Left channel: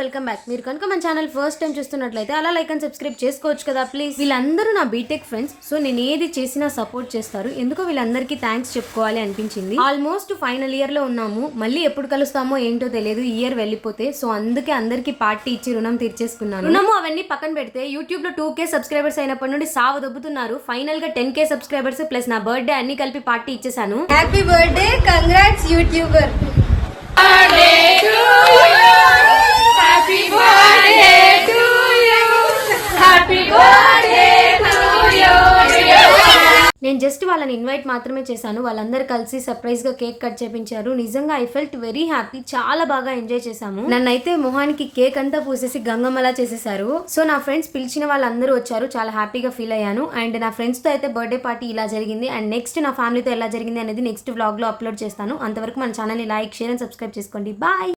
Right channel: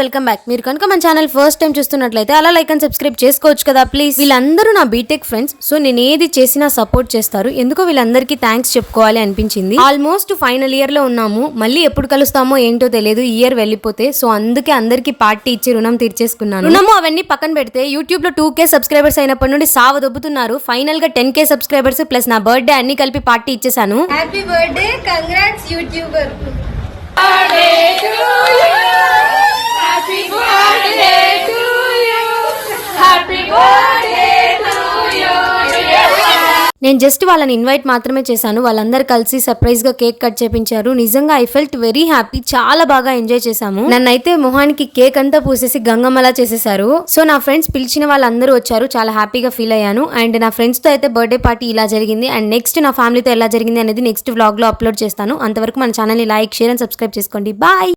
Welcome back. మీరు కనుక మన ఛానల్ ఫస్ట్ టైం చూస్తున్నట్లయితే అలా లైక్ అండ్ సబ్స్క్రైబ్ చేసుకోవచ్చు కదా ప్లీజ్. వీళ్ళందరూ నా బీటెక్ ఫ్రెండ్స్. సో నేను ఏది చేసినా సపోర్ట్ చేస్తారు. ఎందుకో వీళ్ళందరికీ థ్యాంక్స్ చెప్పుకోవాలి అనిపించింది. ఆల్మోస్ట్ ఫైనల్ ఇయర్ లో ఉన్నాము. మళ్ళీ ఎప్పుడు కలుస్తామో ఏంటో తెలియదు ఈ ఇయర్ వెళ్ళిపోతే. సో అందుకే అందరికి పార్టీ ఇచ్చి రుణం తీర్చేసుకున్నాను. రుణము అవన్నీ పక్కన పెడితే యూట్యూబ్ లో 2K సబ్స్క్రైబర్స్ అయినప్పటి నుండి సావదొబ్బుతున్నారు. ఫైనల్ గా 10K సబ్స్క్రైబర్స్ ప్లస్ నా బర్త్డే అన్ని కలిపి పార్టీ ఇచ్చేసాను. Happy birthday, congrats YouTuber. నేను జస్ట్ వాళ్ళని ఇన్వైట్ మాత్రమే చేశాను. వాళ్ళందరూ కలిసి సర్ప్రైజ్ గా కేక్ కట్ చేపించారు. నిజంగా ఐ ఫెల్ట్ వెరీ హ్యాపీ. చాలా బాగా ఎంజాయ్ చేశాము. నన్నైతే మొహానికి కేక్ అంతా పూసేసి గంగమ్మలా చేసేసారు. సో నా ఫ్రెండ్స్ పిలిచిన వాళ్ళందరూ వచ్చారు. చాలా హ్యాపీగా ఫీల్ అయ్యాను. అండ్ నా ఫ్రెండ్స్ తో అయితే బర్త్డే పార్టీ ఇలా జరిగింది. అండ్ నెక్స్ట్ నా ఫ్యామిలీతో ఎలా జరిగింది అనేది నెక్స్ట్ వ్లాగ్ లో అప్లోడ్ చేస్తాను. అంతవరకు మన ఛానల్ ని లైక్, షేర్ అండ్ సబ్స్క్రైబ్ చేసుకోండి. బాయ్.